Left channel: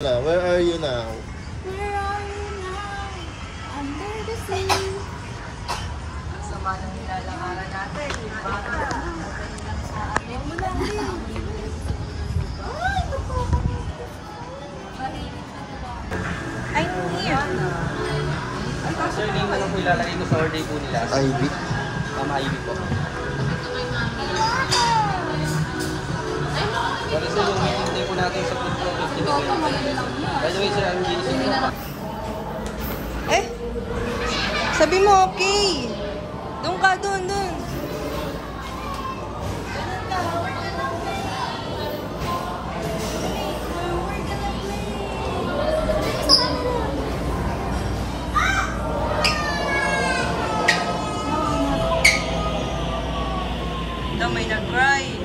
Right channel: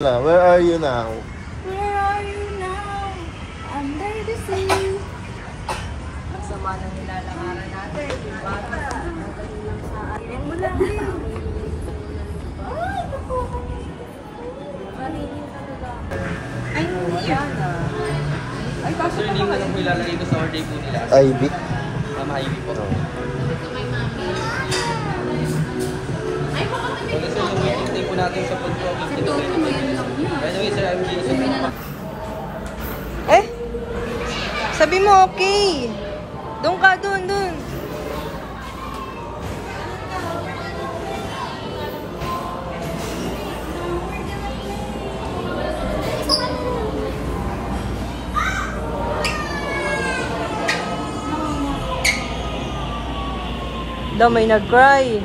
Where are you now? Where are you now? Under the sea. Ang sama ng nilalakaran natin. Nadali lang sa atin. Ay, hindi yan. Ay, kaso hindi mo lang po ilalagay ko sa order po nila. Ivy? Mama Ivy po. Bali sir, yung meeting day po natin sa food province Si Toto mo yun lang yun. By the way sir, I'm Jason po. Eh? Sabi mo okay. Doon ka, doon. Daw may nag-cry.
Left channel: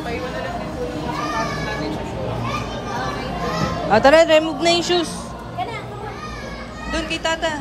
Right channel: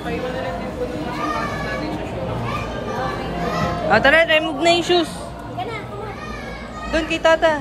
Paiwan na lang din po yung masapatos natin sa showroom. Tara, remove na yung shoes. Doon kay tata.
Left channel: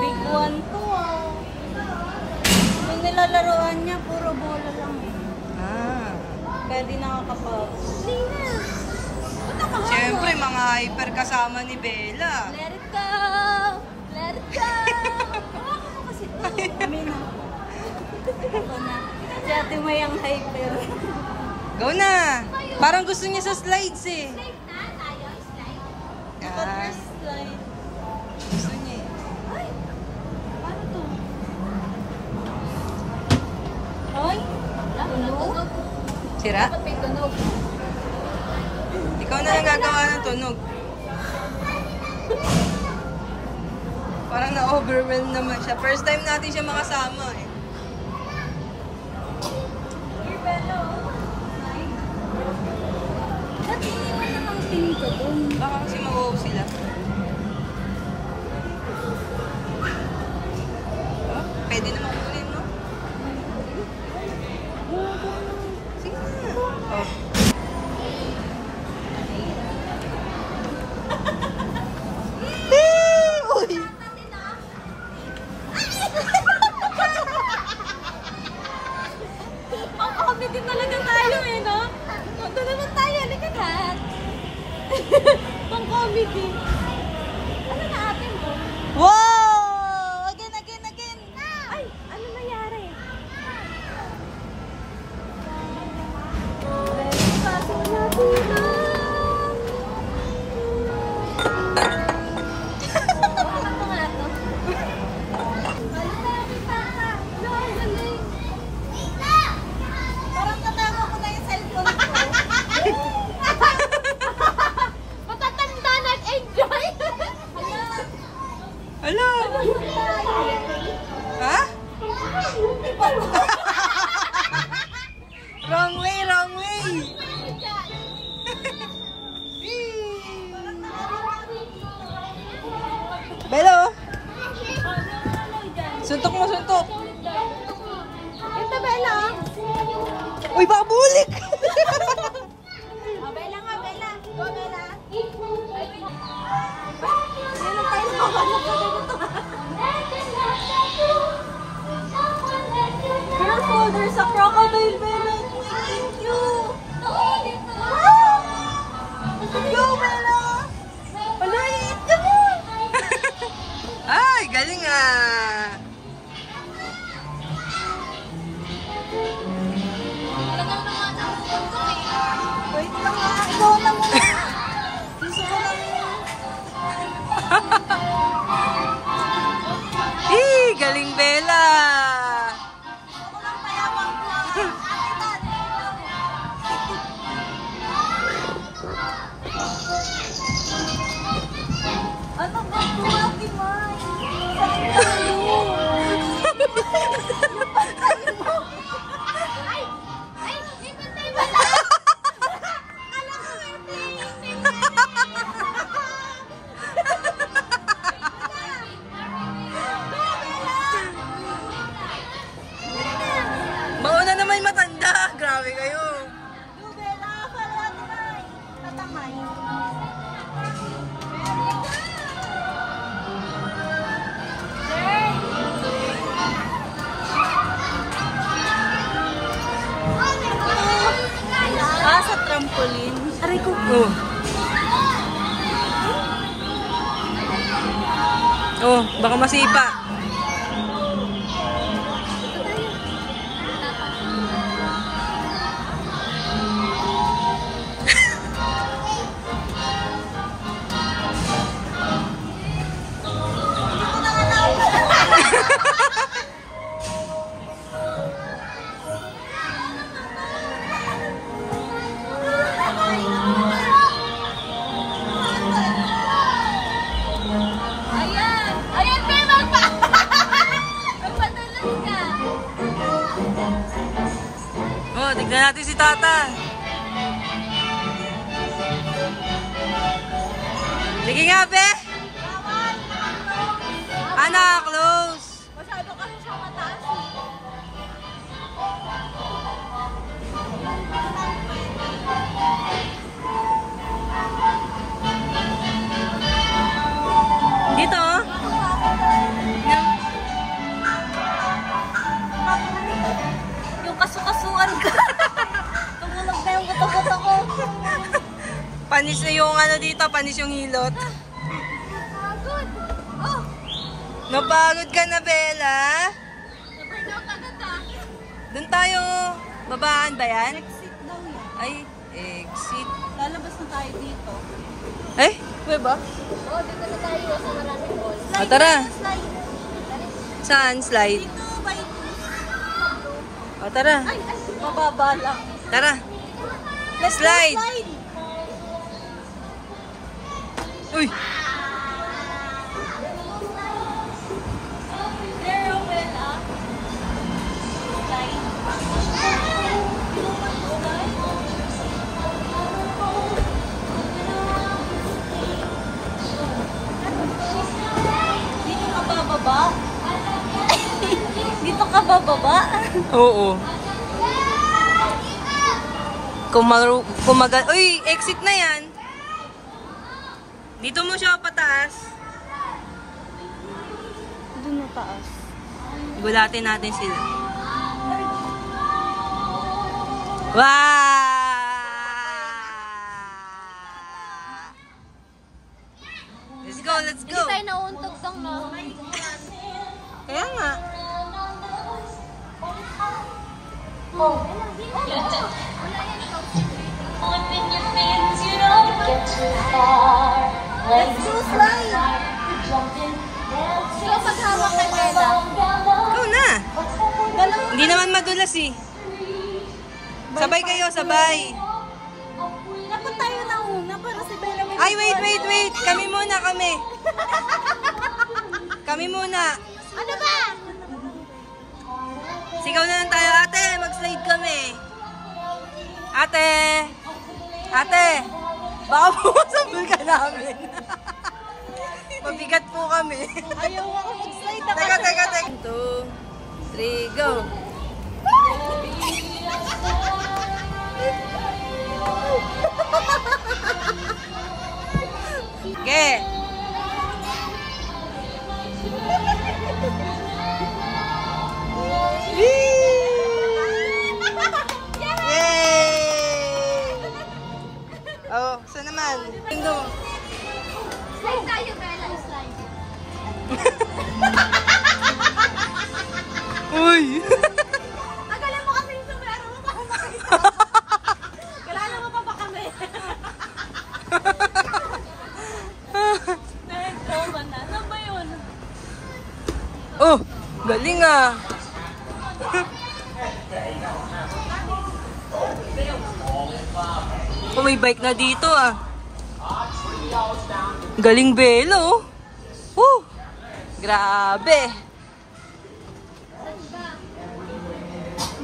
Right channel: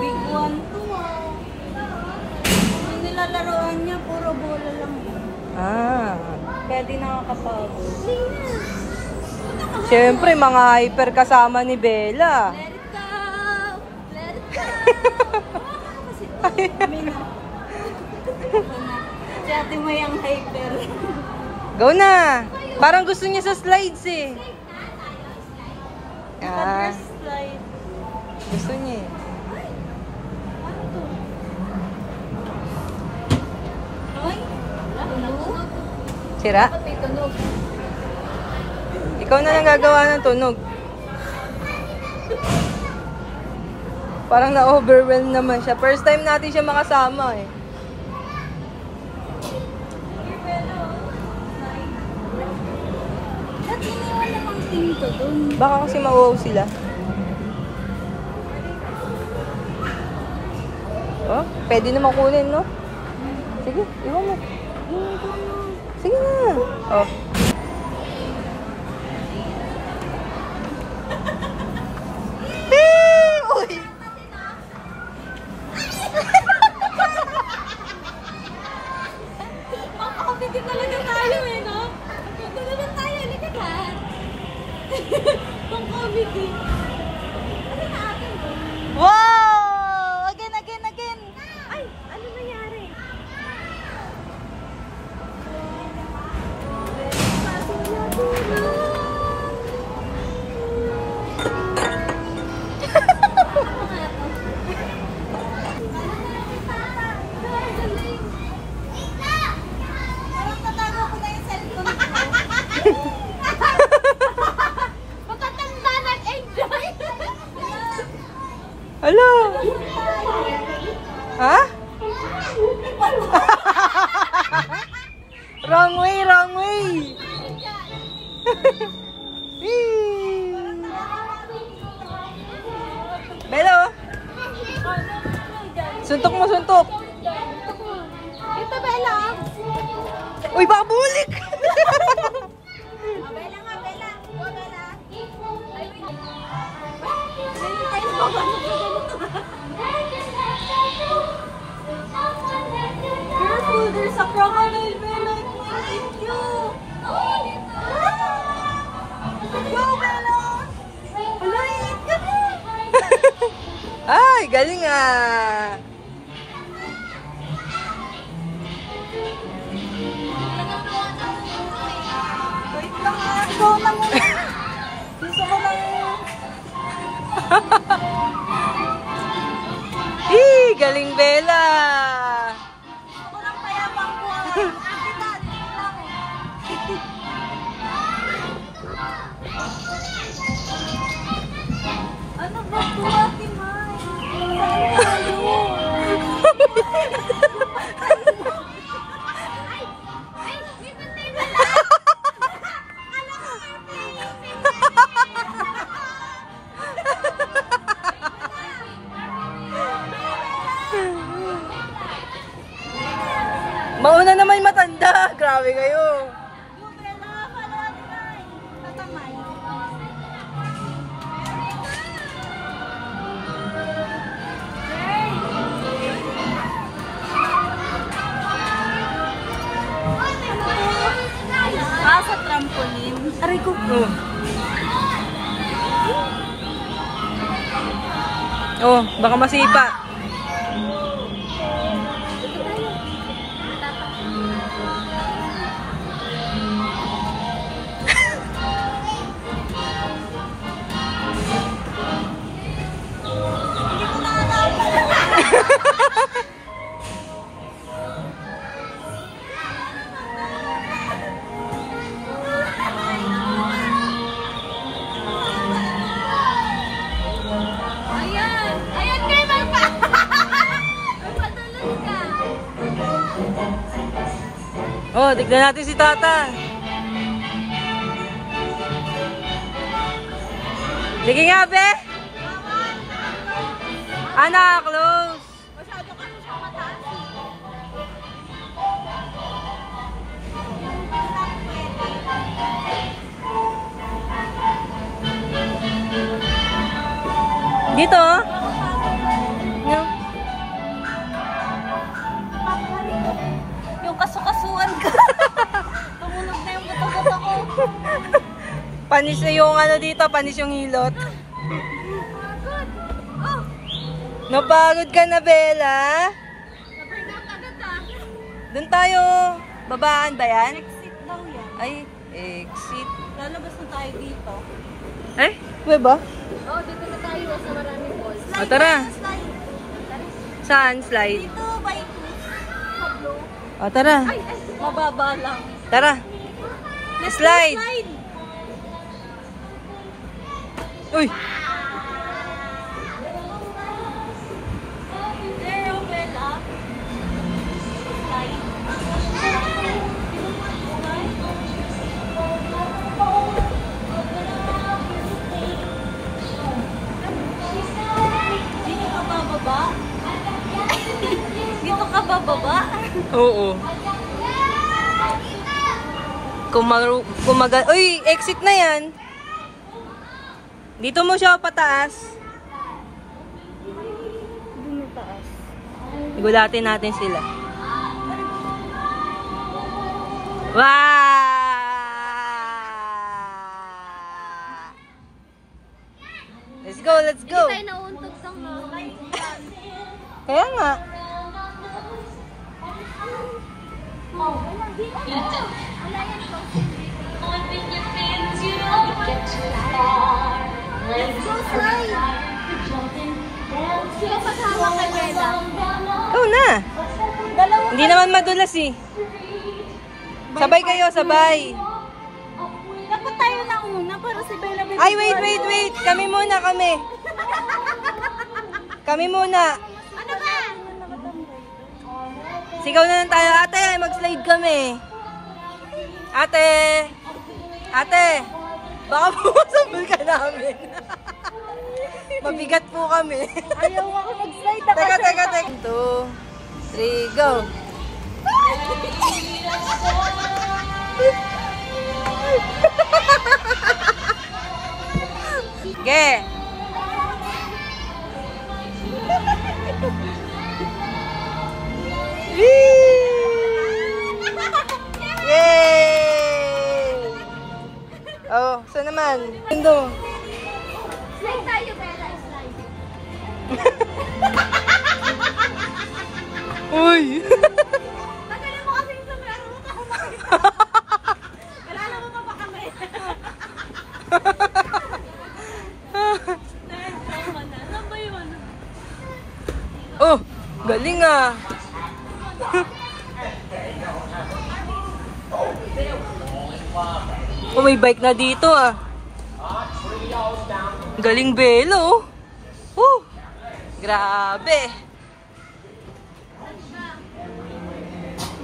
Big one to. Yung nilalaroan niya, puro bola lang. Pwede na Siyempre, mga hyper kasama ni Bella. Let it go! Let it go! Kasi to. Kami na. Ako na. Si ate mo yung hyper. Go na! Parang gusto niya sa slides eh. Gusto niya eh. Ano to? Hoy? Tunog? Sira? Dapat may tunog. Ikaw na lang gagawa ng tunog. Parang na-overwhelm naman siya. First time natin siya makasama eh. Ba't iniwan namang tingin ko dun? Baka kasi mauwaw sila. Oh, pwede naman kunin, no? Sige, iwan mo. Sige na. Oh. Uy! Pang-comedy talaga tayo eh, no? Doon naman tayo, lagat. Pang-comedy. Ano na atin ko? Wow! Again! Ay, ano nangyari? Ano nga to? Parang tatago ko na yung cellphone ko. Matatanda nag-enjoy. Hello! Ha? Wrong way! Belo! Suntok mo! Ito, Bella. Uy, baka bulik! Bella nga, Bella. Go, Bella. Meron tayo na careful, there's a crocodile, Bella. Thank you. Go, Bella. Alay, Ay, galing ah! wait lang nga. Ikaw na muna. Galing Bella! Ako lang mayabang ko. Ano ba ito, Ate Mai? Mauna naman matanda. Grabe kayo. Bella, para natin. Tatamay. Sa trampoline. Aray ko. Oh. Oh, baka masipa. Ayan! Ayan, may magpa! Magpadulas ka! Oh, tignan natin si Tata. Sige nga, be. Anak, close. Masyado ka siya mataas. Dito, oh. No. Yung kasukasuan ka. Tumunog na yung gato-gato ko. Panis na yung ano dito, panis yung hilot. Oh! Napagod ka na, Bella? Na-burnout agad ah. Doon tayo. Babaan ba yan? Exit daw yan. Ay, exit. Lalabas na tayo dito. Eh, pwede ba? Oo, dito na tayo sa maraming malls. O, tara. Saan? Slide. Dito, bike. O, tara. Ay, mababa lang. Tara. Let's Slide. go slide. Uy! There, open up. Slide. Dito ka bababa? Dito ka bababa? Oo. Uy, exit na yan. Dito mo siya pataas. Doon na taas. Gulatin natin sila. Wow! Let's go, let's go. Tayo nauntog sang mga. Kaya nga. Let's go slide! Sila paghawak kay Bella. Ikaw na. Dalawa. Hindi naman madulas eh. Sabay kayo, sabay. Dapat tayo na una para si Bella may... Ay, wait. Kami muna, kami. Kami muna. Ano ba? Sigaw na lang tayo. Ate, mag-slide kami. Ate. Ate. Baka pumasabol ka namin. Mabigat po kami. Ayaw ako mag-slide. Teka. 2, 3, go. Okay. Yay! Oh, saan naman? Indo. Slide tayo, Bella. Slide. Uy! Tagalan mo kasi yung sombrero mo ako makita. Kalala mo pa ba kami? Saan ba yun? Oh, galing ah. Oh, may bike na dito ah. Galing Bella oh. Oh. Grabe.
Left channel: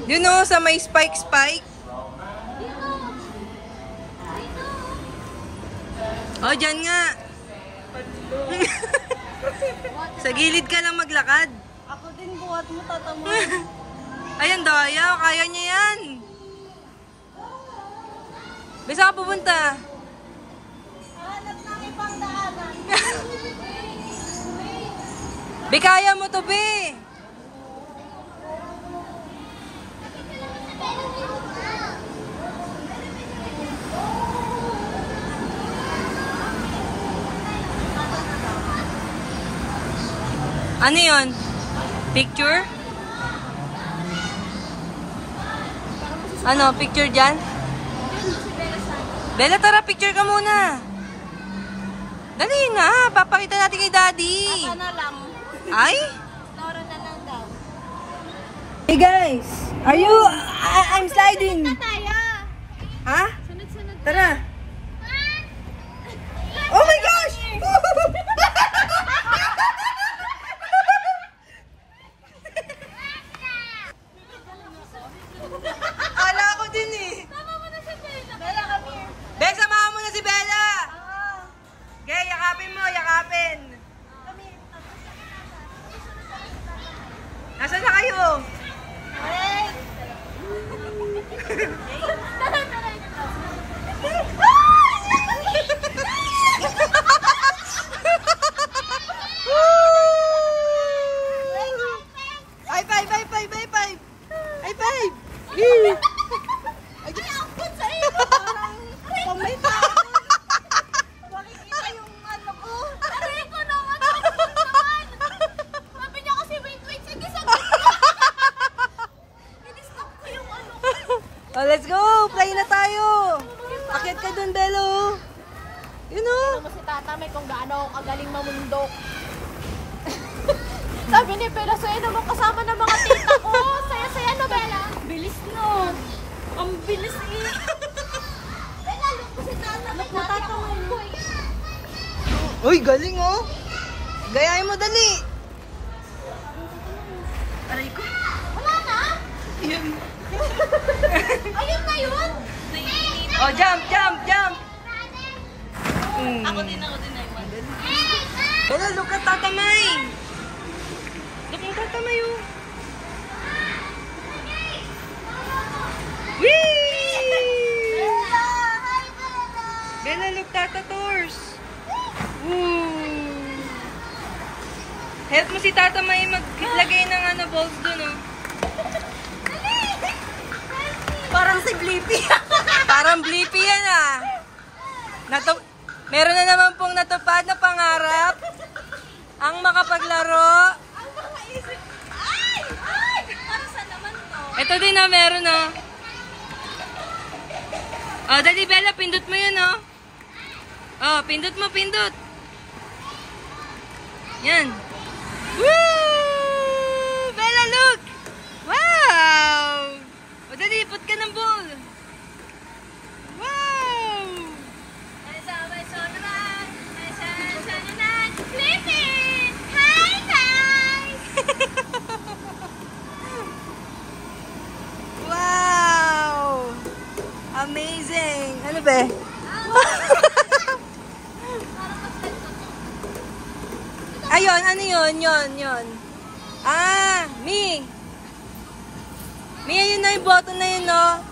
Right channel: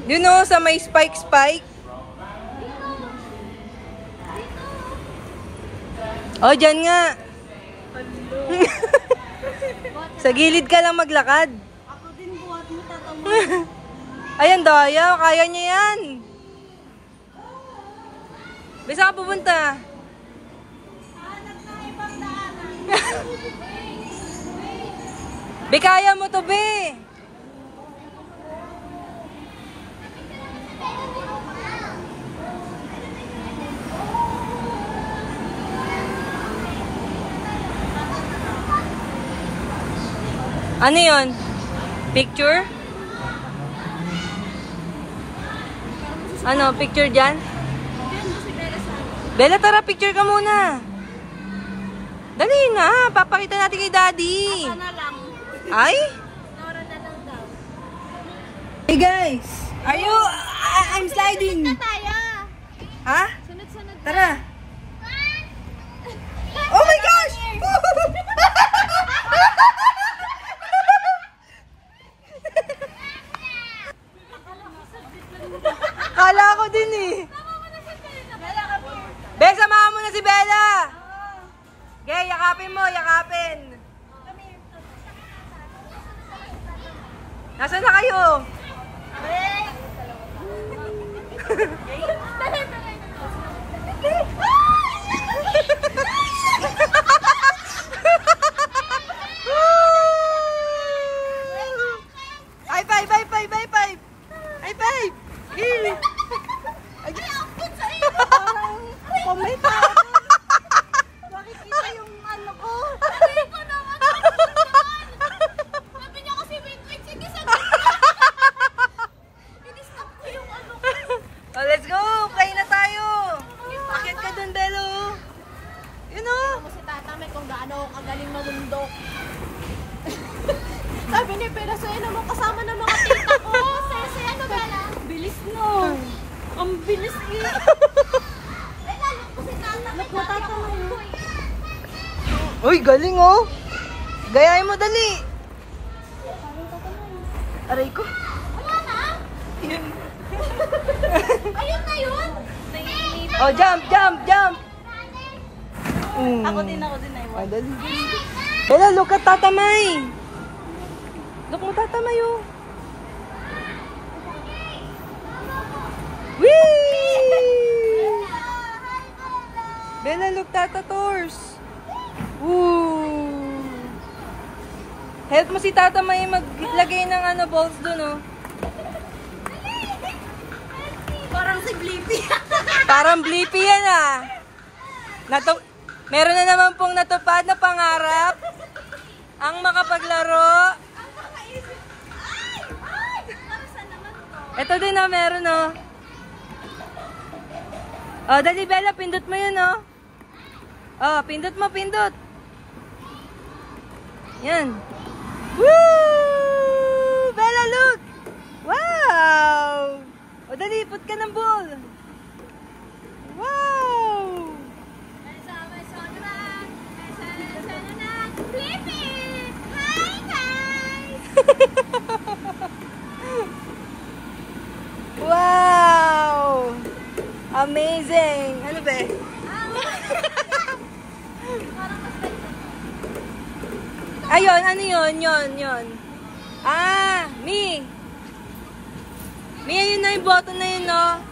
Yun o, sa may spike. Oh, dyan nga. Sa gilid ka lang maglakad. Ako din buhat mo tatamo. Ayan, Daya. Kaya niya yan. Bisa ka pupunta? Hanap ng ibang daanan. Be, kaya mo to, Be. Ano yun? Picture? Ano, picture dyan? Bella, tara, picture ka muna. Dali na, papakita natin kay Daddy. Sana lang. Ay? Nora na lang daw. Hey guys, are you... I'm sliding. Tayo. Ha? Sunod-sunod. Tara. Oh my gosh! Kala ko din eh. Tama mo na si Bella. Bella, come here. Be, samahan mo na si Bella. Oo. Gay, yakapin mo, yakapin. Come here. Nasaan na kayo? Wait. Tara, tara. High five, high five, high five. High five. Ay, akot sa iyo. Parang pamita. Makikita yung ano ko. Aray ko naman. Sabi niya kasi wait. Sige, sabi ko. In-stop ko yung ano ko. Oh, let's go. Play na tayo. Akit ka dun, Belo. Yun o. Mo si Tata may kung gaano kagaling mamundok. Sabi ni Bella, saya naman kasama ng mga tita ko. Saya-saya na, Bella. Bilis niyo. Ang bilis eh. Bella, look ko si Tata. Look mo, Tata mo. Uy, galing oh. Gayahin mo, dali. Aray ko. Wala na? Ayun na yun. Oh, jump. Ako din. Oh, dali. Bella, look at Tata May. Look mo, Tata May oh. Whee! Bella, look, Tata Tors. Woo! Help mo si Tata May maglagay ng ano, balls dun oh. Parang si Blippi. Parang Blippi yan ah. Meron na naman pong natupad na pangarap. Ang makapaglaro. Para sa naman to. Ito din na meron oh. Oh, dali Bella, pindot mo yun oh. Oh, pindot mo. Yan. Woo! Bella, look! Wow! O dali, put ka ng ball. Wow! Blippi! Hi, guys! Wow! Amazing! Ano ba? Parang mas like to. Ayun, ano yun? Ah, Mi, ayun na yung button na yun, no?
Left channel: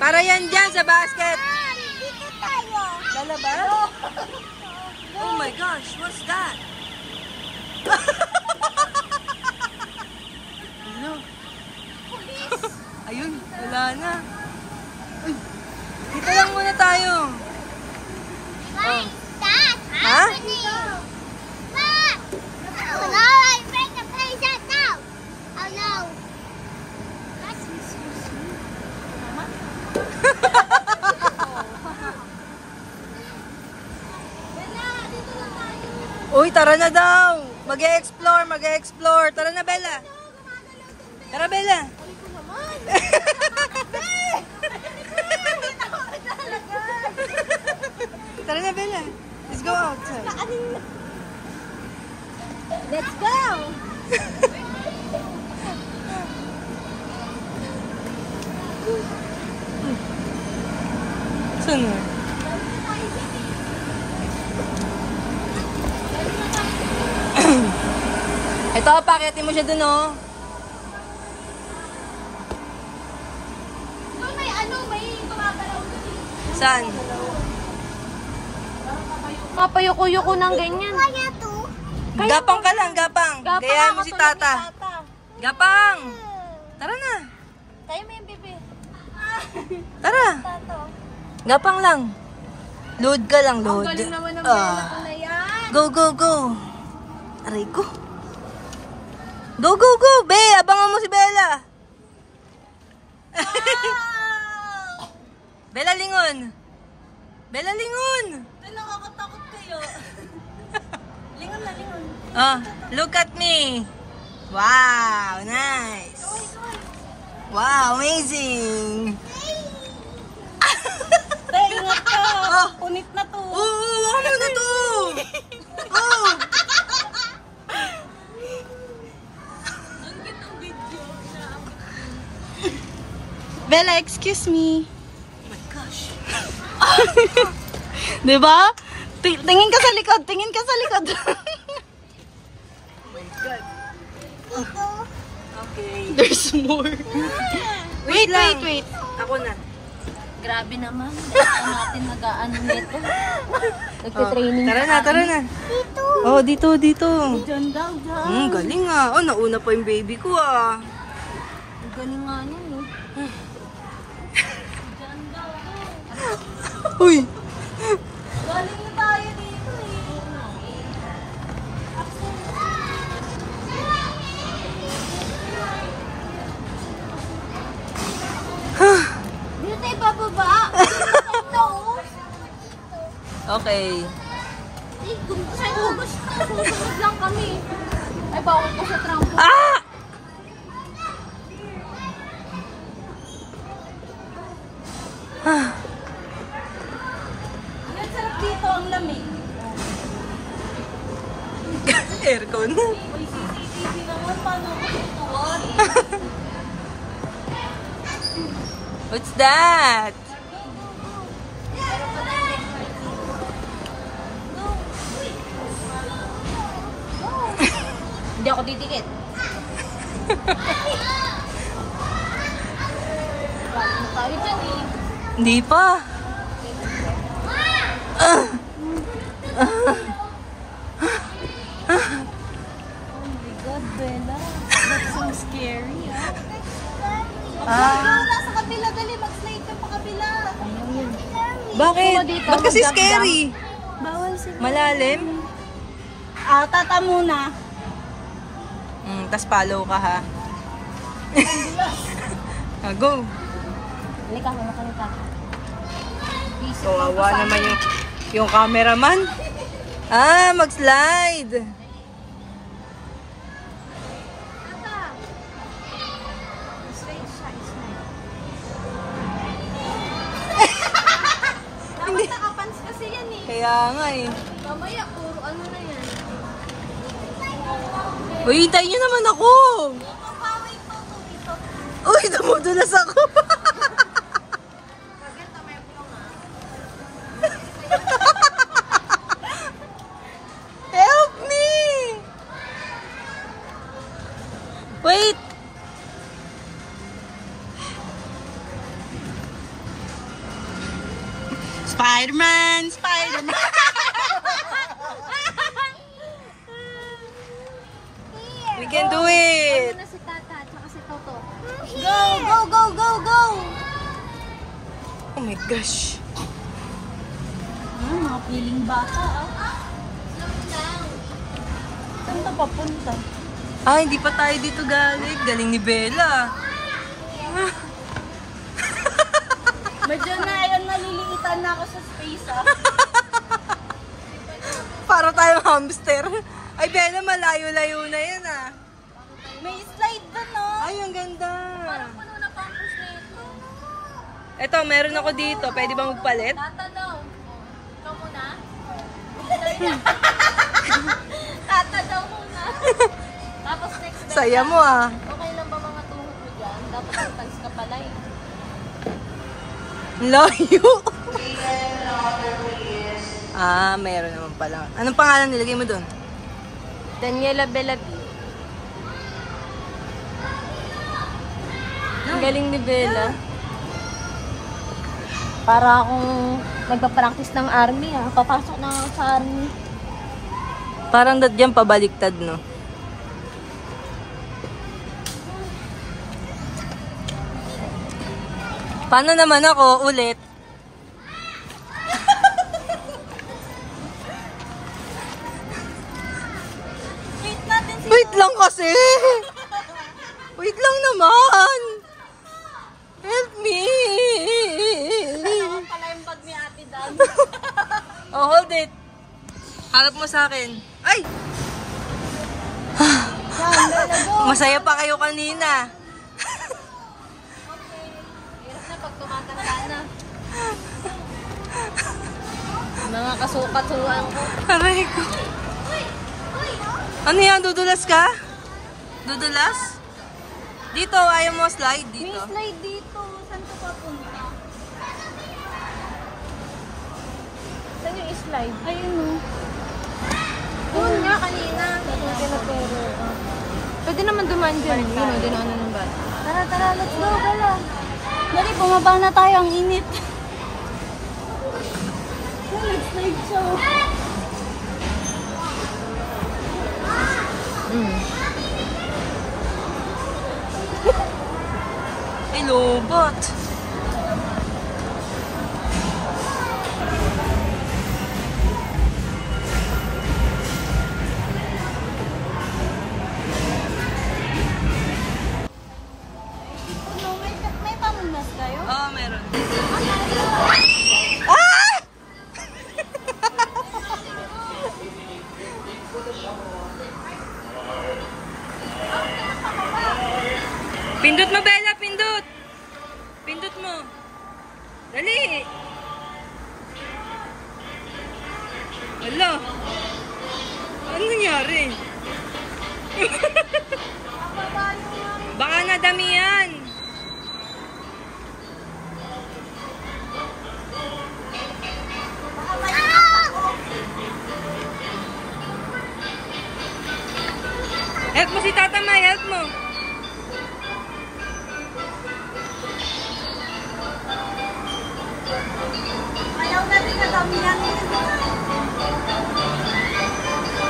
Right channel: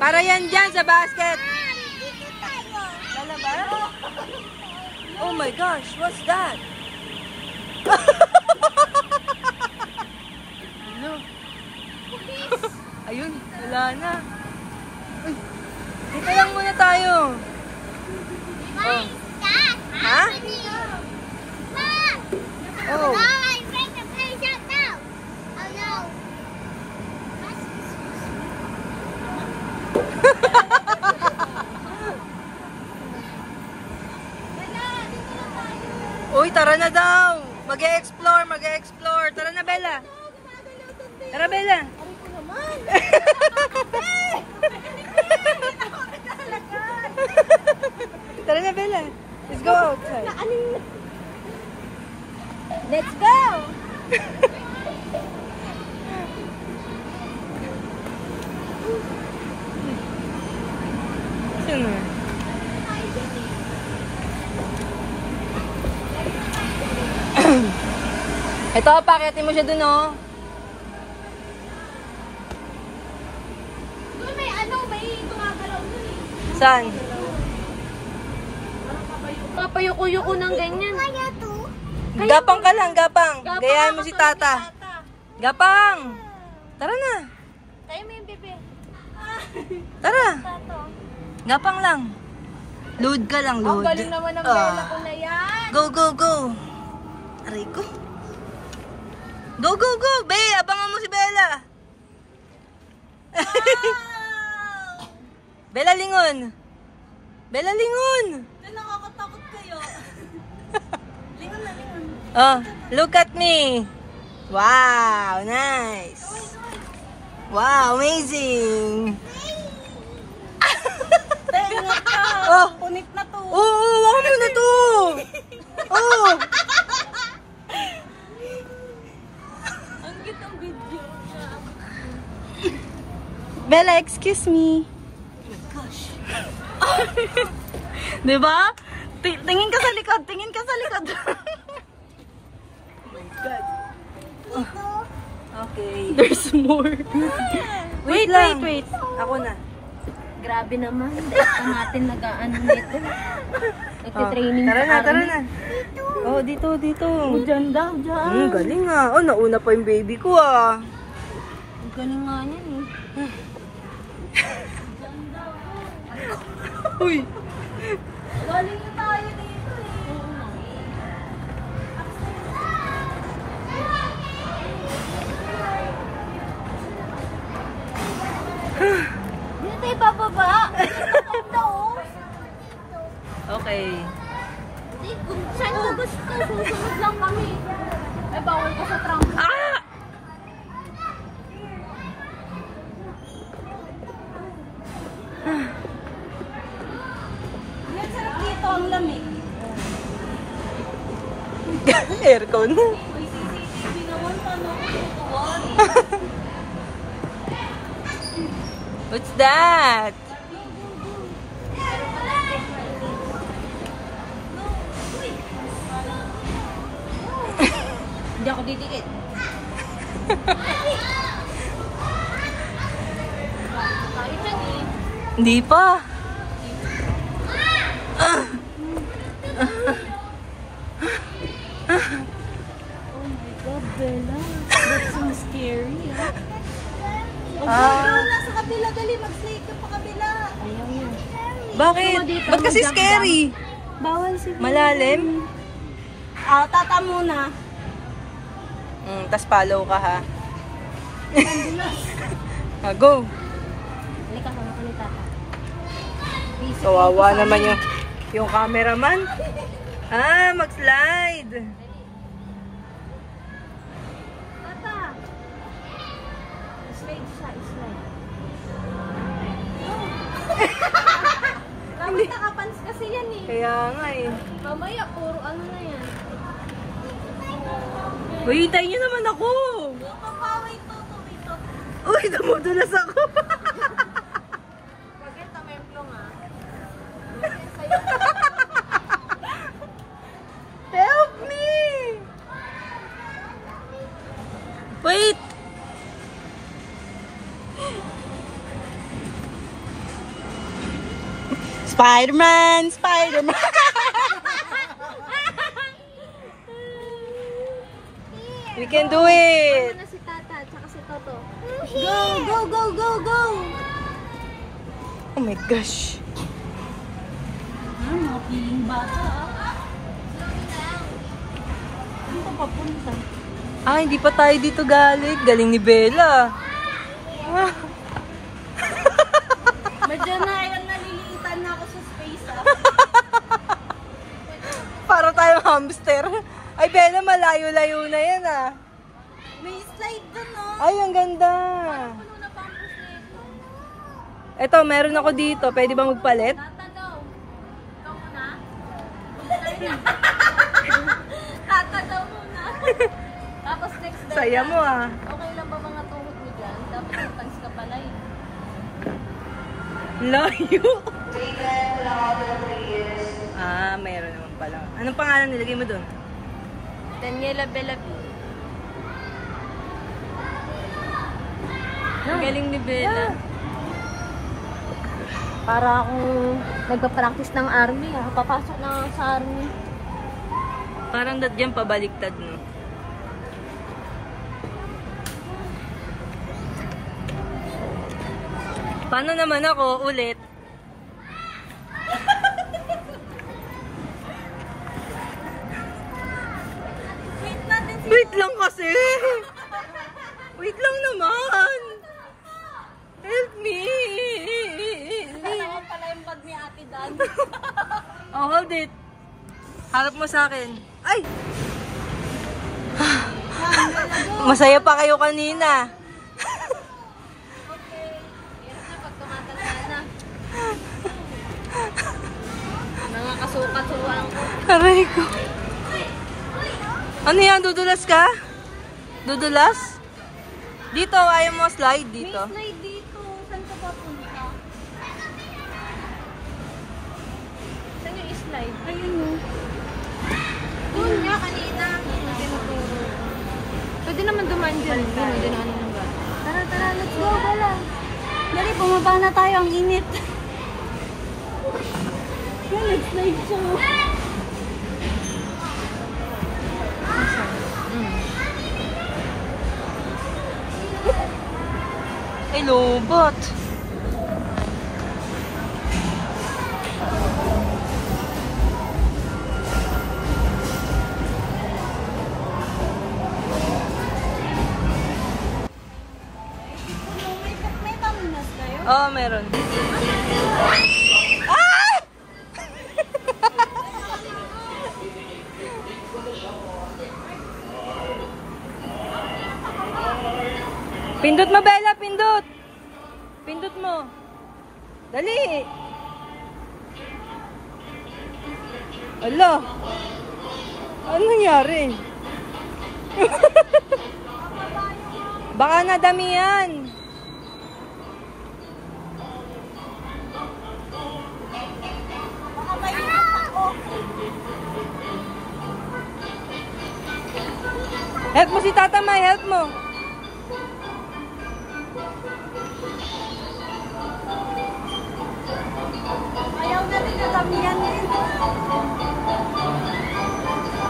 Para yan dyan sa basket. Dito tayo. Lalabas? Oh my gosh, what's that? Ano? Ayun, wala na. Uy, dito lang muna tayo. Oh. Dad, Ha? Dad! Oh. No, I break the place out now. Oh no. Uy, tara na daw. Mag-e-explore. Tara na, Bella. Tara, Bella. Tara na, Bella. Let's go outside. Let's go! Saan na? Ito, pakiatin mo siya dun, oh. Doon may ano, may gumagalaw dun eh. Saan? Kapayuko-yuko ng ganyan. Kaya to? Gapang ka lang, gapang. Gayahin mo si Tata. Gapang! Tara na. Tayo mo yung bebe. Tara. Tato. Gapang lang. Load ka lang, Ang load. galing naman ng bela ko na yan. Go, go, go. Aray ko. Go, go, go. Be, abangan mo si Bella. Bella, lingon. Bella, lingon. Ay, nakakatakot kayo. Lingon na, lingon. Oh, look at me. Wow, nice. Wow, amazing. Tay, ingat ka. Oh. Punit na to. Oo, ako muna to. Oh. Ang cute ang video niya. Bella, excuse me. Oh my gosh. Diba? Tingin ka sa likod, tingin ka sa likod. Oh my God. Okay. There's more. Wait. Ako na. Grabe naman. Basta natin nag-ano nito. Nagtitraining Tara na. Dito. Oh, dito. Diyan daw, diyan. Galing ah. Oh, nauna pa yung baby ko ah. Ang galing nga niyan eh. Diyan daw. Uy. Galing na tayo dito eh. Dito tayo bababa. Dito. Okay. Saan ko gusto? Susunod lang kami. Ay, bawal ko sa trangko. Ah! Yan, sarap dito ang lamig. Aircon. Uy, CCTV naman, paano ko tutuwan? What's that? Hindi ako didikit. Tayo dyan eh. Hindi pa. Oh my God, Bella. That's so scary. Wala sa kabila, dali. Mag-slide ka pa kabila. Bakit? Dito, Ba't kasi mag-jump scary? Bawal si Malalim? Tata muna. Tas follow ka ha. Go. Halika, makalita ka. Kawawa naman yung cameraman. Mag-slide. Tata. Slide siya, slide. Dapat nakapans kasi yan eh. Kaya nga eh. Mamaya, puro ano na yan. Uy, hintayin niyo naman ako. Papaway to. Uy, namudulas ako. Bagay, tamemplo nga. Help me! Wait! Spider-Man! We can do it! Ano na si Tata at saka si Toto? Go! Oh my gosh! Mga piling bata. Saan ito papunta? Hindi pa tayo dito galing. Galing ni Bella. Medyo na ayun, naliliitan na ako sa space Para tayo hamster. Ay, Bella, malayo-layo na yan May slide doon Ay, ang ganda. Puno na pa ang slide. Ito, meron ako dito. Pwede ba magpalit? Tata daw. Ikaw muna. Tata daw muna. Tapos next day, Saya mo ah. okay lang ba mga tuhod mo dyan? Dapat sometimes ka pala eh. Layo. Ah, meron naman pala. Anong pangalan nilagay mo doon? Daniela Belati. Ang galing ni Bella. Para akong nagpa-practice ng army. Papasok na ako sa army. Parang dadyan pabaliktad, no? Paano naman ako ulit? Wait natin si... Wait lang kasi! Wait lang naman! Help me! Ako pala yung bag ni Ate Dan. Oh, hold it. Harap mo sa akin. Ay! Masaya pa kayo kanina. Mga kasukat-sukat. Aray ko. Ano yan? Dudulas ka? Dudulas? Dito, ayaw mo slide dito. May slide dito. Saan ka papunta? Saan yung slide? Ayun mo. Ayun nga kanina. Pwede naman dumaan dyan. Yun, hindi naman naman ba? Tara, tara. Let's go. Dala. Dali, bumaba na tayo. Ang init. Nag-slide siya. Ay, lobot. May pamunas kayo? Oo, meron. Ah! Pindot mo, Bella, pindot. Pindot mo. Dali. Ala. Ano nangyari? Baka nadami yan. Help mo si Tata May, help mo. Ayaw natin kadamihan dito.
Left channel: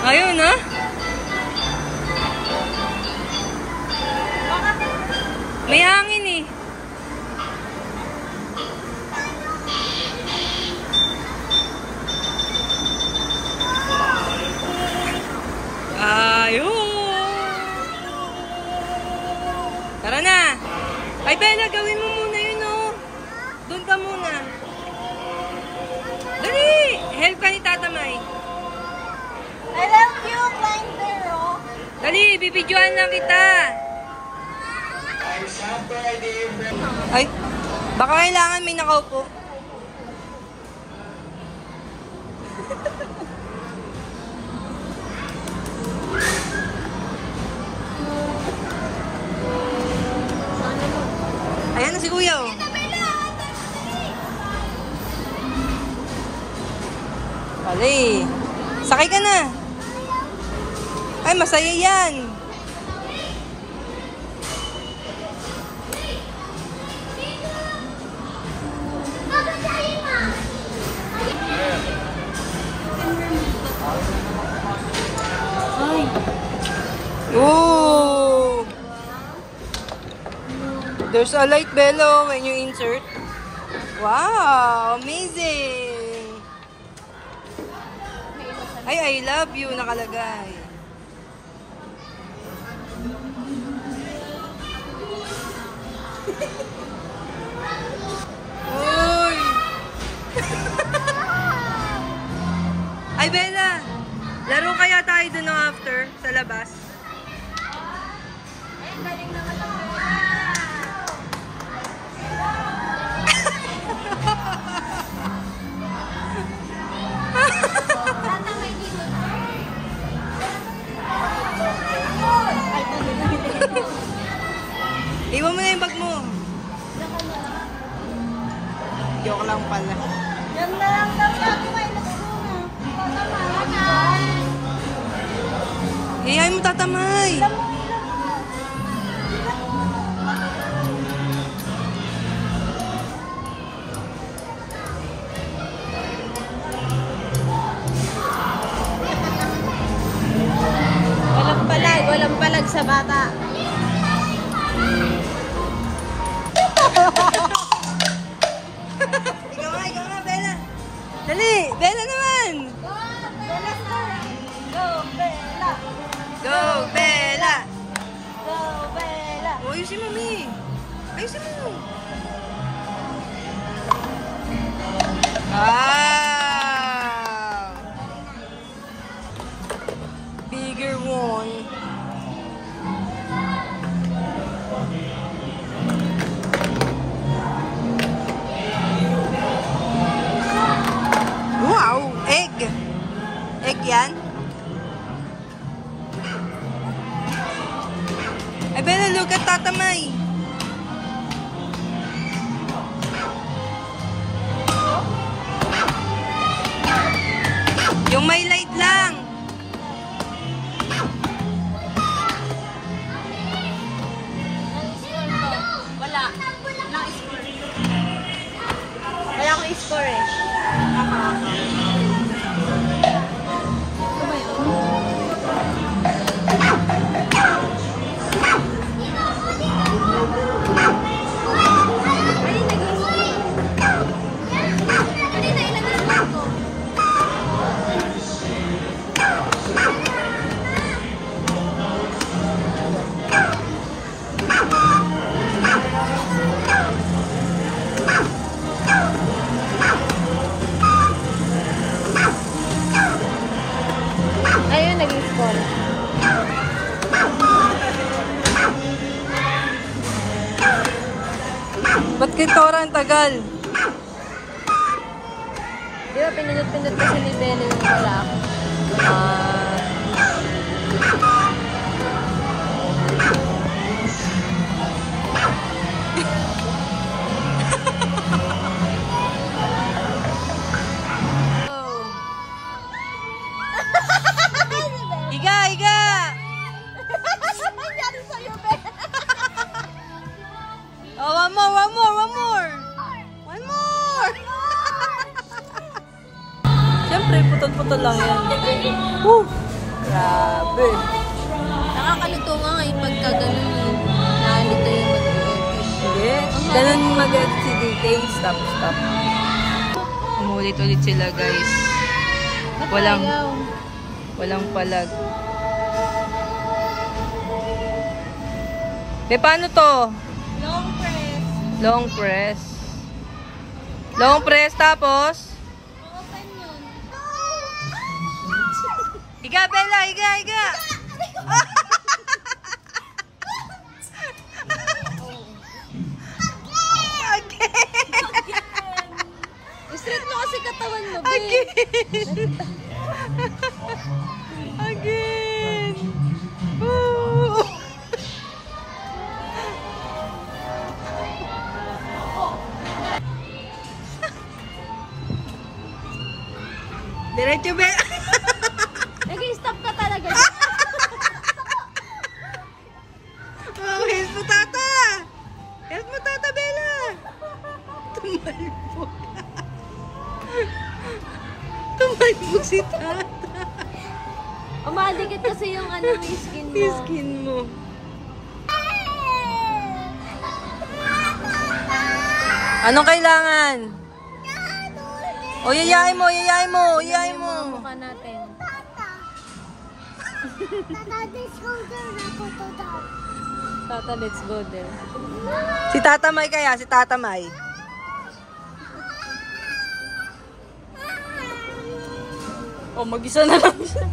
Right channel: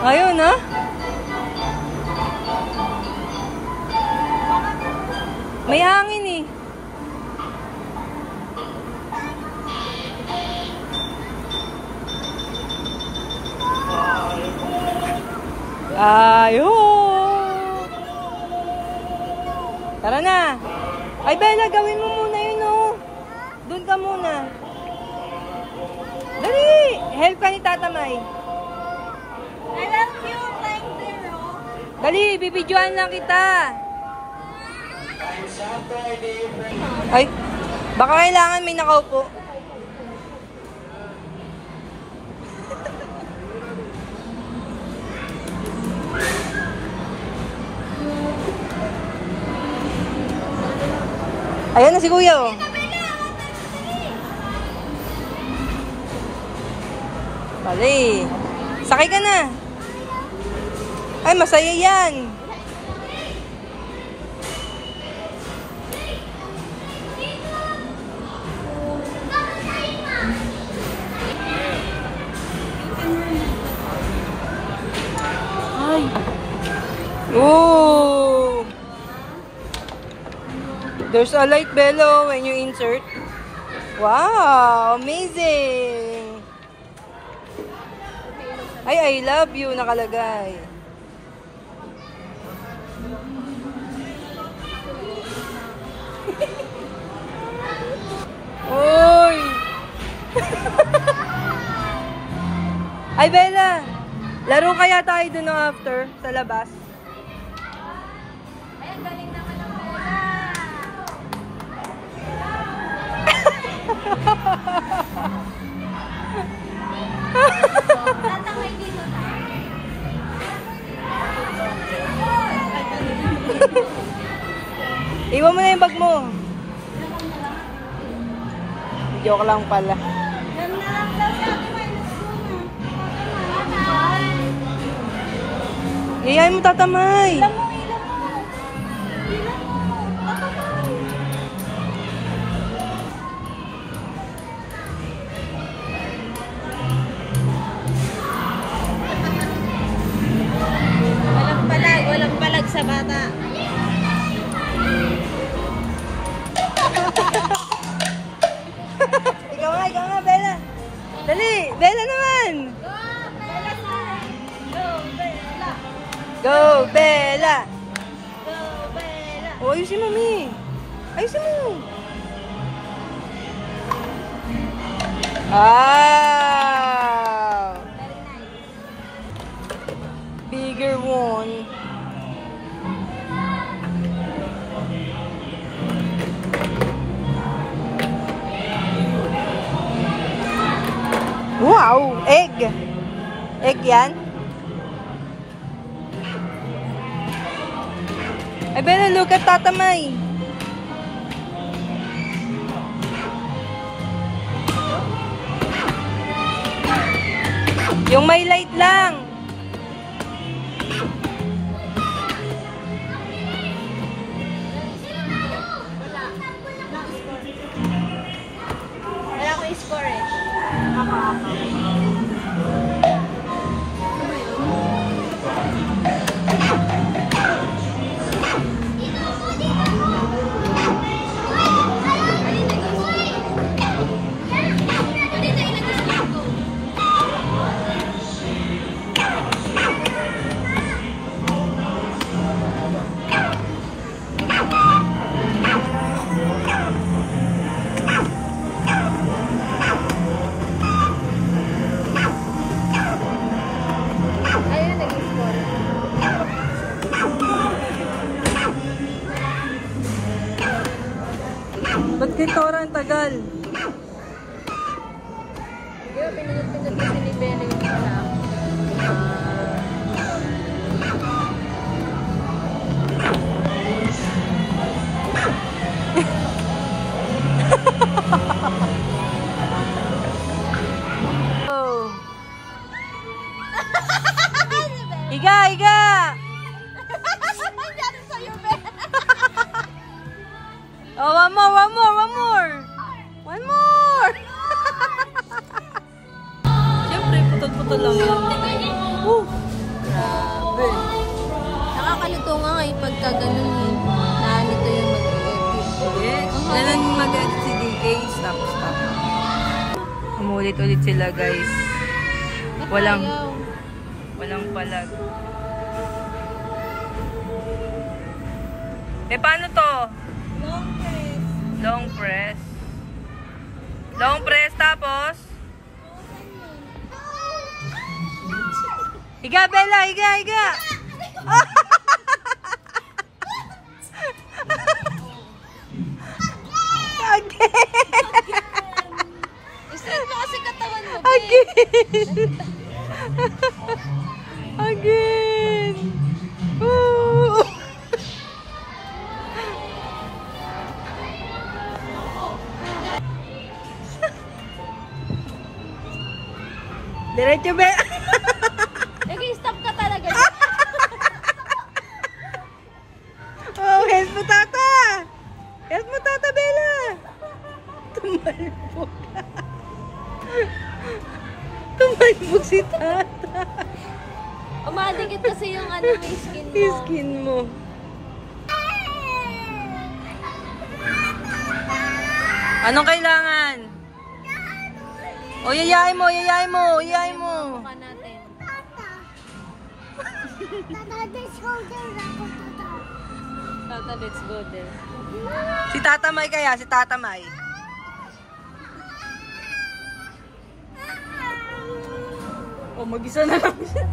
Ayun, ha? May hangin eh. Ayun. Tara na. Ay, Bella, gawin mo muna yun, oh. Doon ka muna. Dali! Help ka ni Tata May. I love you, climb the rock. Dali, bibidyoan lang kita. Ay, baka kailangan may nakaupo. Ayan na si Kuya, oh. Bali. Sakay ka na. Ay, masaya yan. Ay. Oh. There's a light bellow when you insert. Wow, amazing. Ay, I love you nakalagay. Uy! Ay, Bella! Laro kaya tayo dun no after sa labas? Iwan mo na yung bag mo. Joke lang pala. Yan na lang daw ako ay Iyayin mo tatamay. Walang palag sa bata. Ikaw nga, Bella. Dali, Bella naman. Go, Bella. Oh, ayusin mo, Mi. Ayusin mo. Wow. Bigger one. Wow! Egg! Egg yan? Ay, Bella, look at tatamay. Yung may light lang. Wala score. Wala akong score eh. Ayun, naging score. Ba't kay Tora ang tagal? Di ba, pinunod-pinod ko sa level yung clock. Oh. Higa, higa! Nangyari sa'yo, Ben. Oh, one more, one more, one more! One more! Siyempre, putol-putol lang yan. Woo! Grabe. Nakakalito nga eh, pagka ganun eh. Naalito yung mag-edit. Sige, ganun mag-edit si DK. Stop, stop. Umulit-ulit sila, guys. Walang palag. Eh, paano to? Long press. Long press. Long press, tapos? Open yun. Higa, Bella! Higa, higa! I-straight mo kasi katawan mo, Ben. Again! Again! Woo! Diretso, Bella! Nag-stop ka talaga. Oh, help mo, Tata! Help mo, Tata, Bella! Tumalbo ka. Tumalbo si Tata. Umadikit kasi yung ano, yung skin mo. Yung skin mo. Anong kailangan? O, yayain mo, yayain mo, yayain mo. Mukha natin. Tata, let's go there. Si Tatamay kaya, si Tatamay. O, mag-isa na lang siya.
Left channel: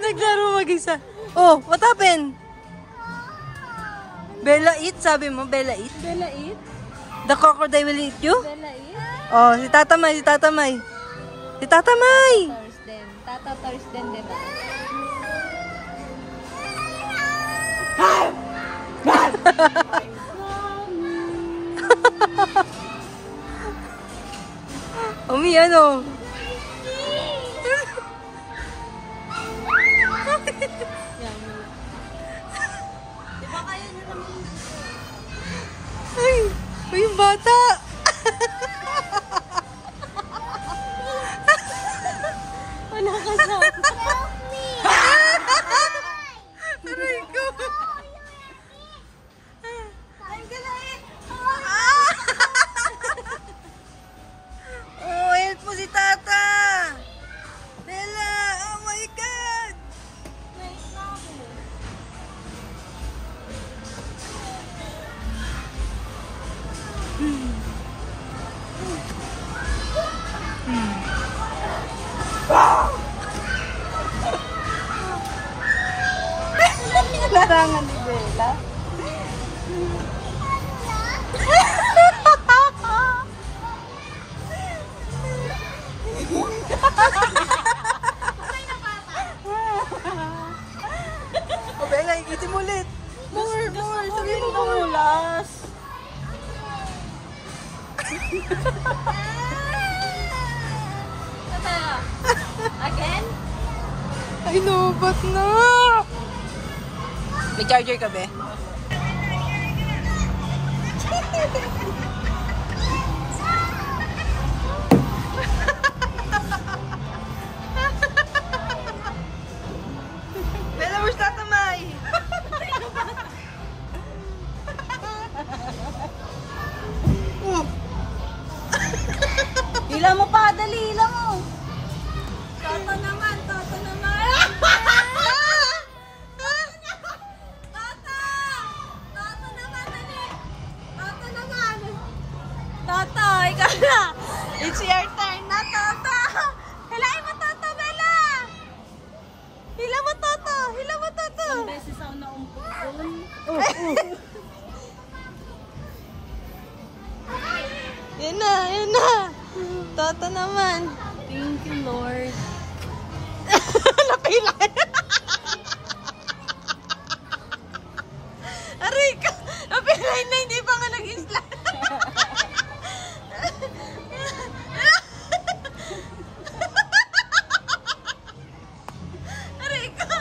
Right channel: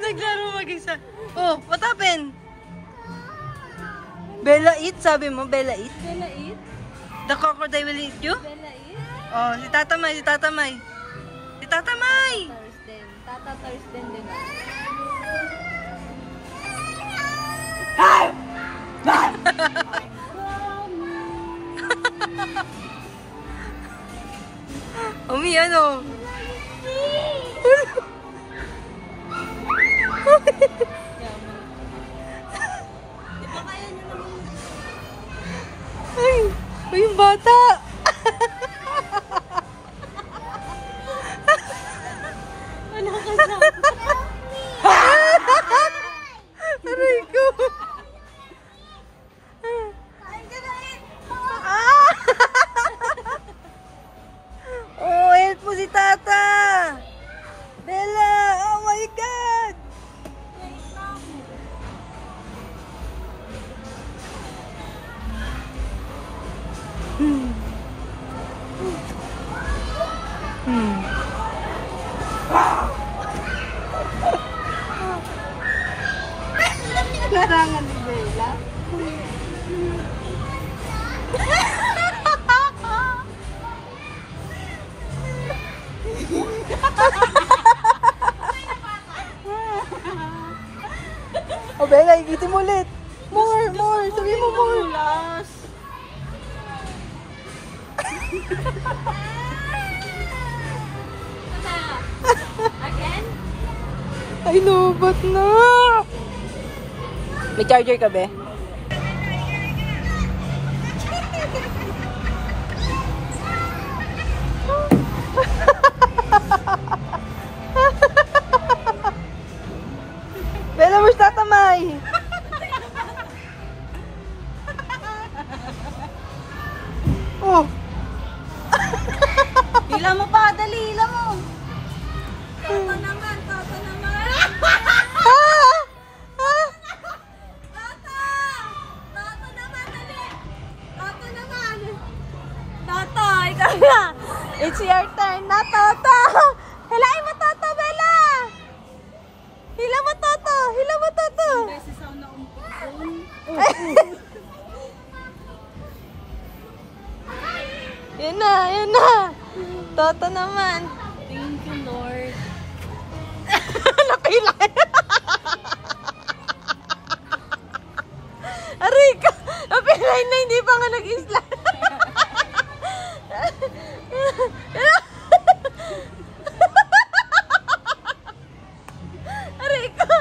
Naglaro mag-isa. Oh, what happened? Bella eat, sabi mo, Bella eat? Bella eat? The crocodile will eat you? Bella eat? Oh, si Tatamay, si Tatamay. Si Tatamay! Stars then. Mami, ano? Ay, yung bata. Wala ka sa... Aray ko. Oh, help po si Tata. Bella, oh my God. Wait lang. Larangan ni Bella. Oh, Bella, ikitin mo ulit. More, more. Sabi mo more. Again? Ay, lubat na. May charger ka, be? Bella, where's tatamay? Oh. Hila mo pa, dali lang mo. Toto naman, toto naman. Toto! Toto naman, dali. Toto naman. Toto, ikaw na. It's your turn na, Toto. Hilain mo, Toto, Bella. Hila mo, Toto. Hila mo, Toto. Beses ako naumpok doon. Yan na, yan na. Toto naman. Thank you, Lord. Napilay. Aray ka. Napilay na, hindi pa nga nag-isla. Aray ka.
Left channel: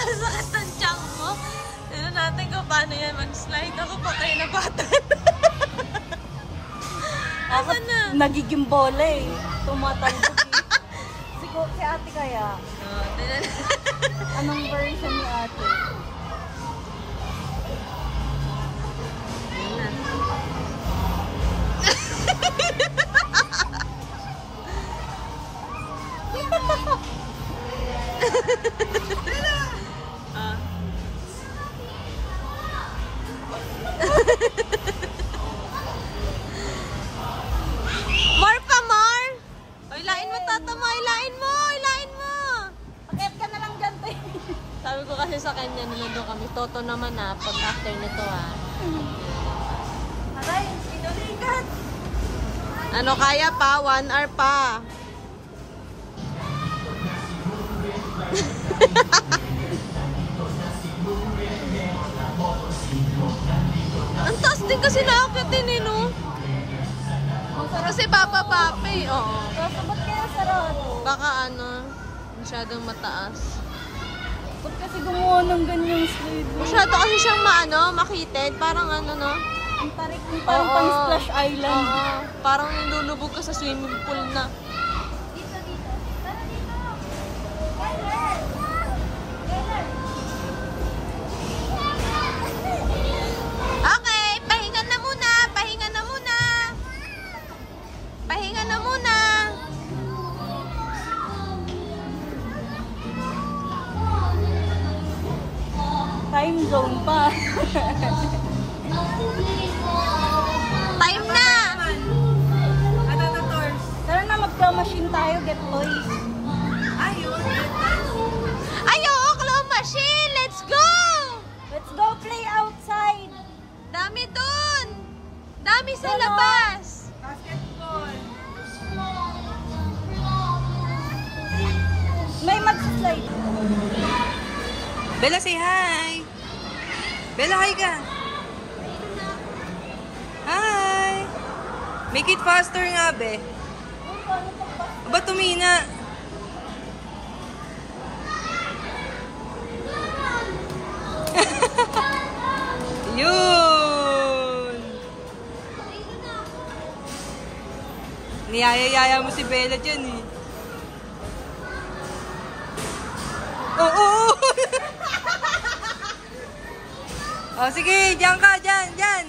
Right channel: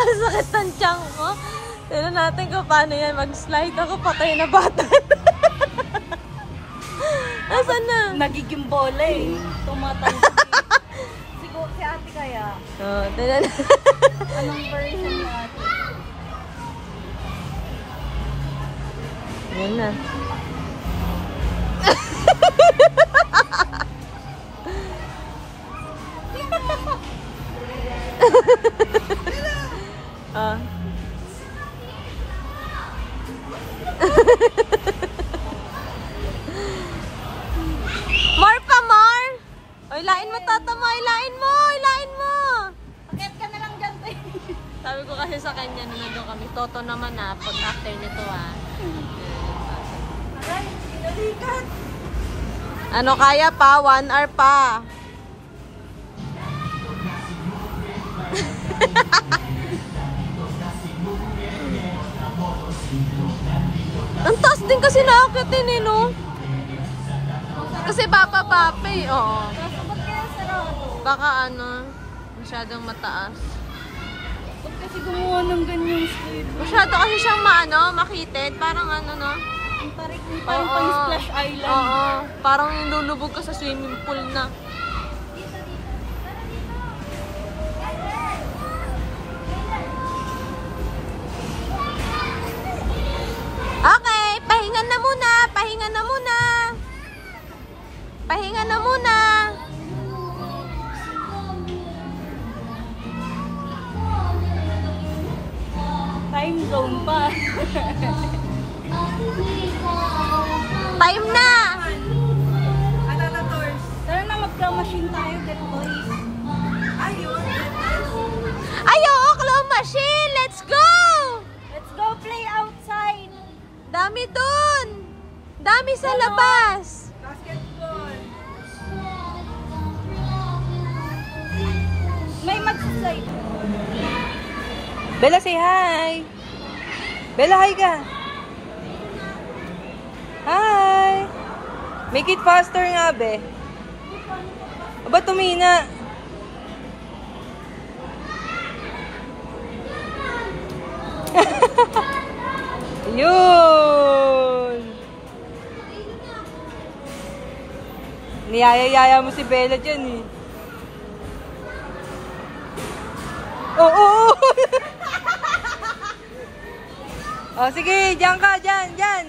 Ang sakit ng tiyan mo. Tignan natin kung paano yan mag-slide. Ako patay na bata. Asan na? Nagiging bola eh. Tumatang. Siguro si ate kaya. Oh, tignan. Anong version ni ate? Yan na. Ah. More pa, more! O, ilain mo, Tata mo! Ilain mo! Ilain mo! Get ka na lang dyan, te. Sabi ko kasi sa kanya na nandun kami. Toto naman na pag after nito Aray, pinulikat. Ano kaya pa? 1 hour pa. Ang taas din kasi nakakitin eh, no? Kasi bababa pa eh, oo. Baka ano, masyadong mataas. Ba't kasi gumawa ng ganyang slide? Masyado kasi siyang makitid. Parang ano, no? Ang tarik ng Oo. pang Splash Island. Oo. Parang lulubog ka sa swimming pool na. Okay, pahinga na muna. Pahinga na muna. Pahinga na muna. Time zone pa. Time na. Ano na, Tors? Tara na, magka-machine tayo, get toys. Ayun, get toys. Ay, oo, claw machine. Let's go. Let's go play outside. Dami dun. Dami sa labas. Basketball. May mag-slide. Bella, say hi. Bella, hi ka. Make it faster nga, be. Aba, tumina. Yun! Niyaya-yaya mo si Bella dyan eh. Oo! Oh, sige, dyan ka, dyan.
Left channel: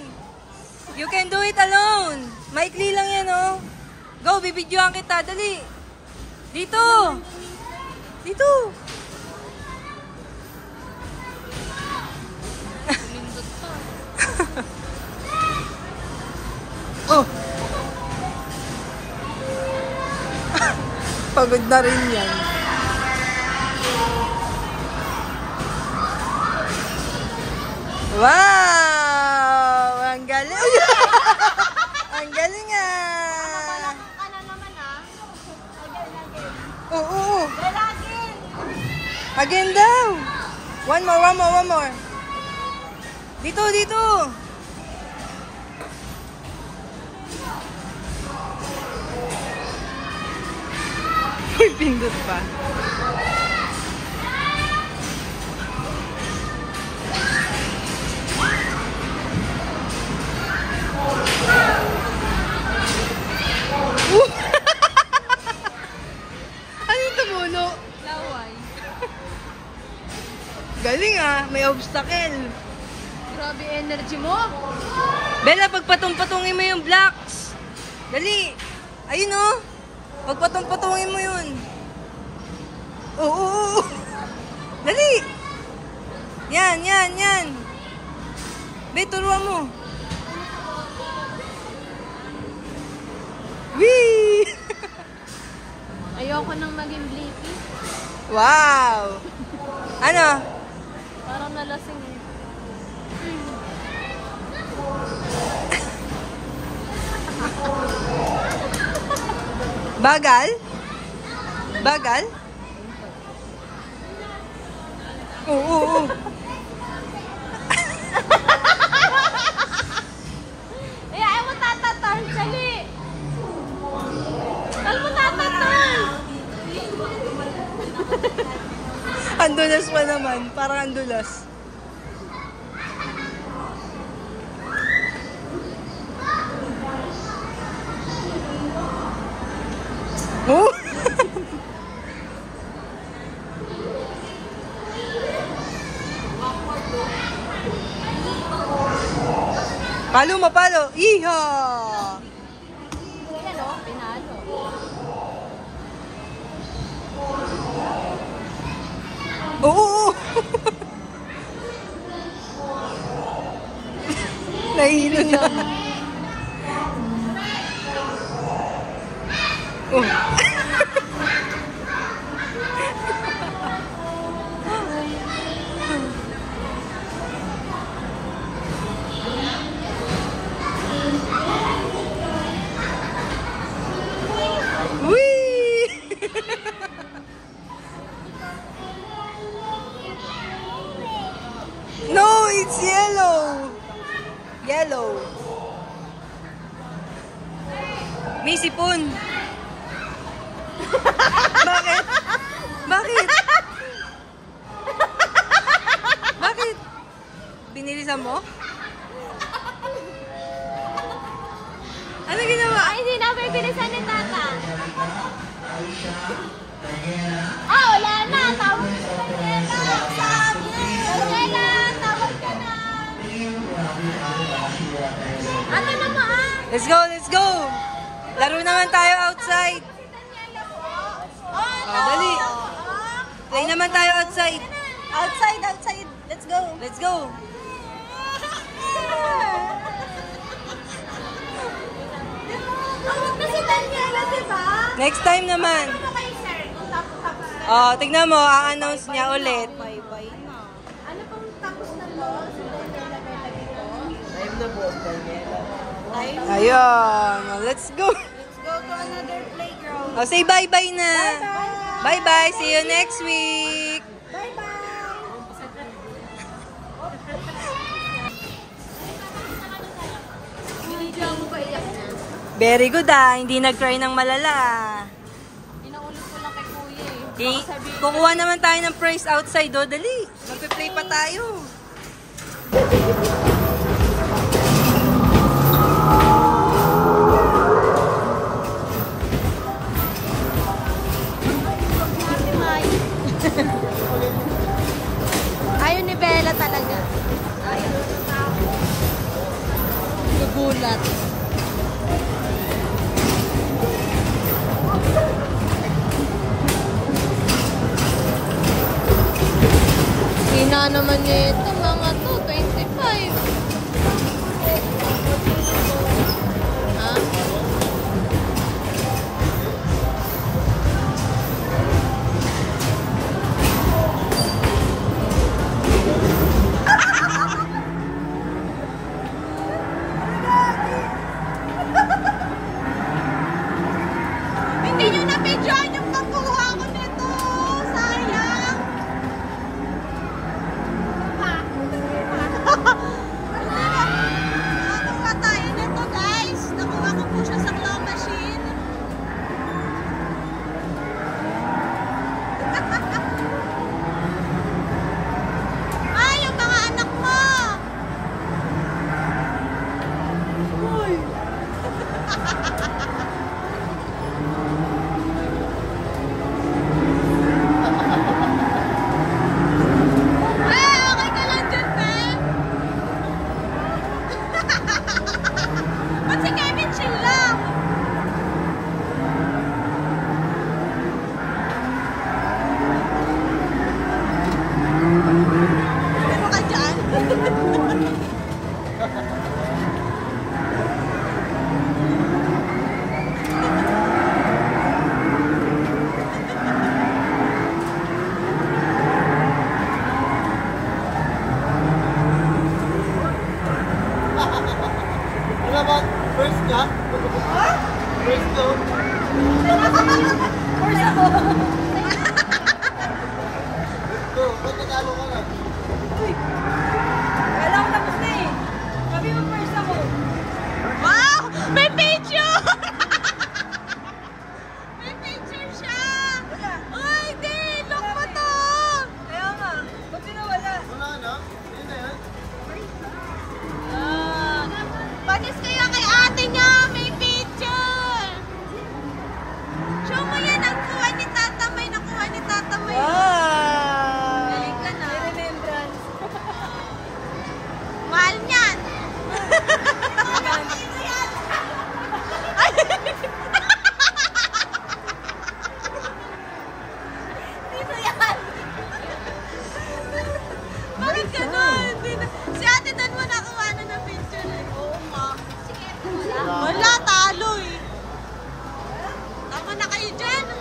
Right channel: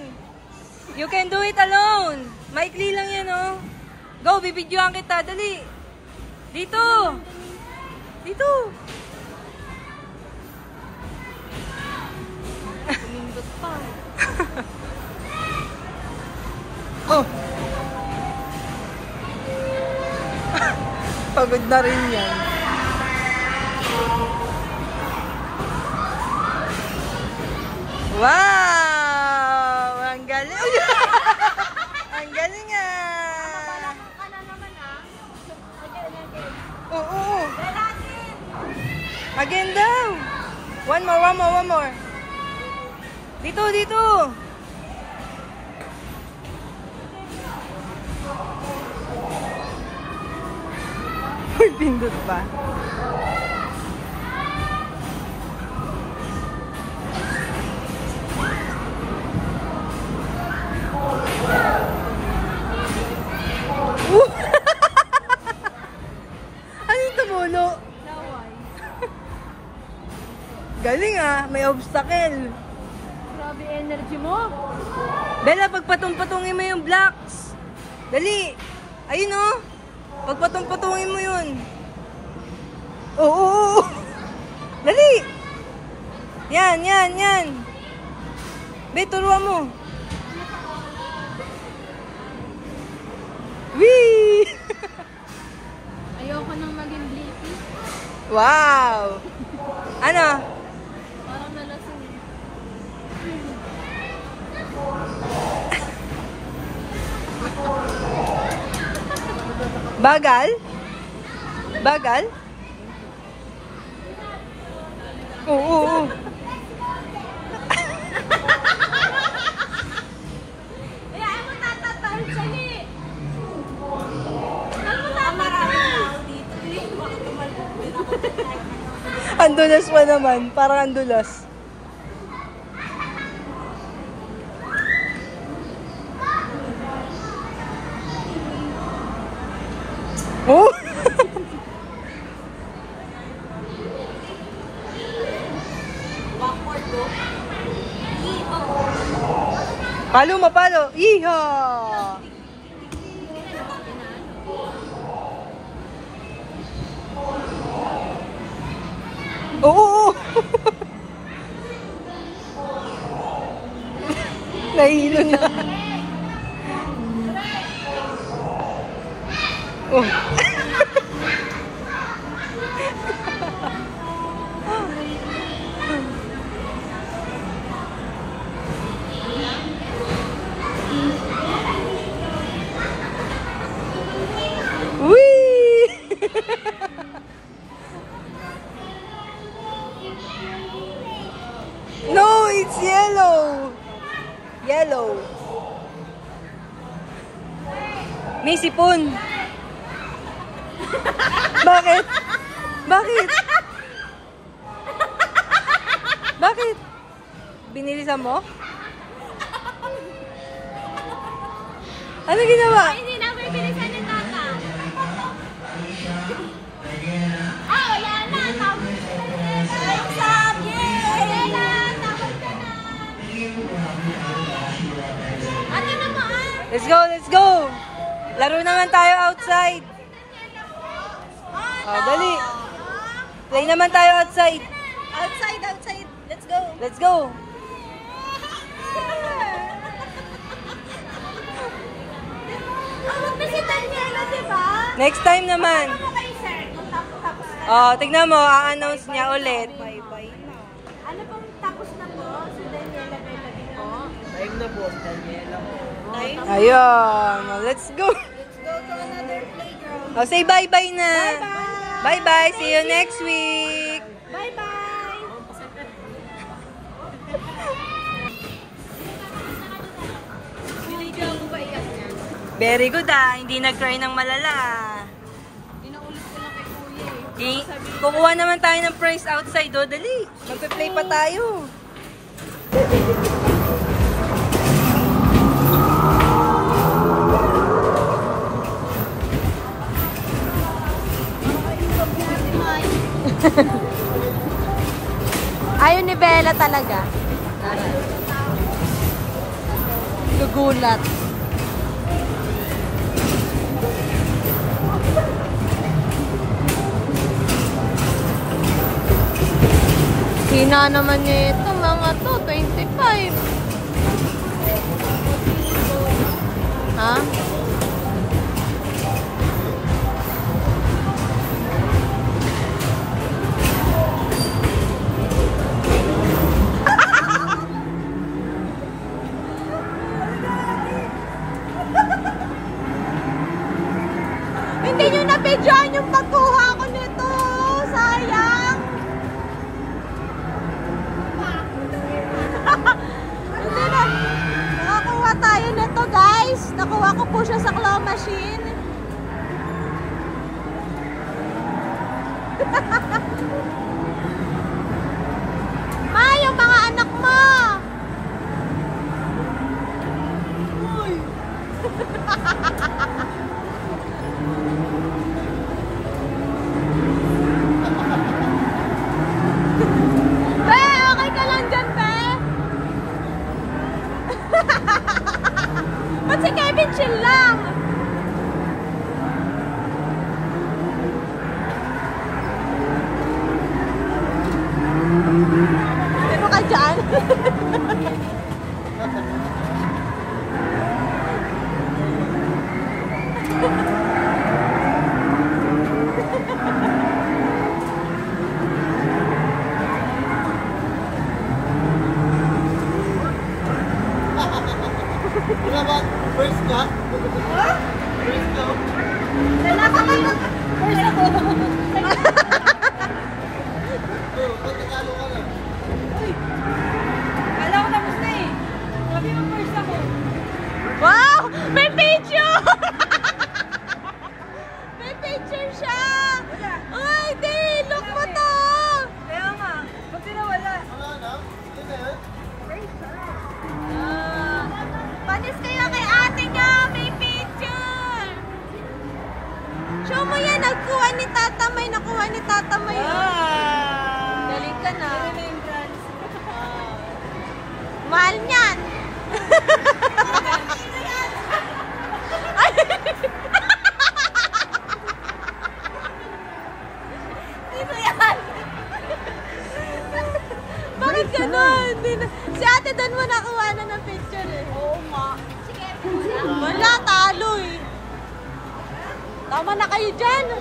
You can do it alone. Maikli lang yan, oh. Go, bibidyoan kita, dali. Dito. Kumindot pa. Oh. Pagod na rin yan. Wow! Ang galing. Ang galing ah. Ka na naman ah. Oo. Again daw. One more. Dito. Uy, pindot pa. Ano yung tumulo? Laway. Galing ah, may obstacle. Grabe energy mo. Bella, pagpatong-patungin mo yung blocks. Dali. Ayun oh. Pagpatong-patungin mo yun. Oo. Dali. Yan. Be, turuan mo. Wee! Ayoko nang maging blicky. Wow! Ano? Parang nalasing eh. Bagal? Oo. Ayaw mo tatatarn, sali. Ayaw mo tatatarn. Andulas pa naman. Parang andulas. Oh! Mapalo. Iha! Oo! Nahilo na. Oh. Whee! No, it's yellow. May sipon. Bakit? Binilisan mo? Ano ginawa? Hindi na may bilisan ni Tata. Wala na. Tawag na si Daniela. Daniela, tawag ka na. Ano na mo ah? Let's go. Laro naman tayo outside. Oh, dali. Play naman tayo outside. Outside. Let's go. Tawag na si Daniela, diba? Next time naman. Ano kay sir? Kung tapos. Oh, tignan mo, a-announce niya ulit. Ano pong tapos na po? Si Daniela Bella po? Time na po, Daniela. Ayun. Oh, let's go. Let's go to another playground. Oh, say bye-bye na. Bye-bye. See you next week. Very good ah. Hindi nag-cry ng malala. Pinaulit ko lang kay kuya eh. Kukuha naman tayo ng prize outside. O, dali. Magpe-play pa tayo. Ayaw ni Bella talaga. Gugulat. Hina naman niya ito, mga to, 25. Ha? Hindi nyo na-videoan yung pagkuha ko nito. Sayang. Hindi na. Nakakuha tayo nito, guys. Nakuha ko po siya sa claw machine. Yung mga anak mo. Uy. Okay ka lang dyan, Pe? Ba't si Kevin chill lang? Ano ka dyan? Wala ba? First ka? First ka? First ako. Ba't natalo ka na? Uy! Kala ko tapos na eh. Sabi mo first ako. Wow! May picture! May picture siya! Ay, di! Look mo to! Kaya nga. Buti na wala. Wala na? Hindi na yan? Panis kayo kay ate nyo! May picture! Show mo yan! Nagkuha ni Tata May! Nakuha ni Tata May! Galing ka na! Remembrance. Mahal niyan! Dito yan. Bakit ganon? Si ate doon mo nakuha na ng picture eh. Oo nga. Sige. Wala, talo eh. Tama na kayo dyan.